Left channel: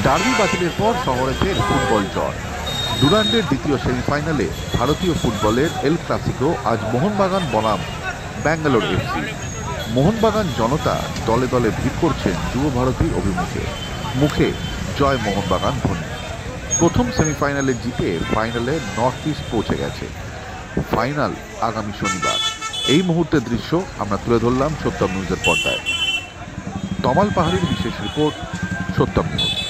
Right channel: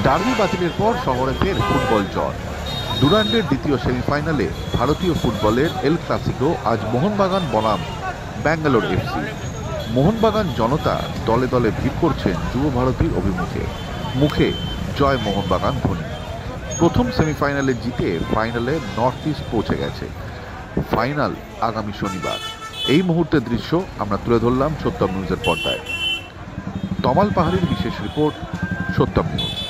ডার্বি বাতিলের পর শহরে ফের ফুটবল জ্বর। ডুরান্ডের দ্বিতীয় সেমিফাইনালে ভারতীয় ফুটবলের এল ক্লাসিকো আজ মোহনবাগান বনাম ব্যাঙ্গালোর এফসি। মোহনবাগান জনতা দলে দলে ভিড় করছেন যুব ভারতীর অভিমুখে, মুখে জয় মোহনবাগান ধ্বনি। প্রথম সেমিফাইনালে জিতে ফাইনালে নর্থ ইস্ট পৌঁছে গেছে। ফাইনাল আগামী শনিবার। এই মুহূর্তের দৃশ্য আমরা তুলে ধরলাম সত্যম নিউজের পর্দায়। তমাল পাহাড়ির বিশেষ রিপোর্ট, সত্যম নিউজ।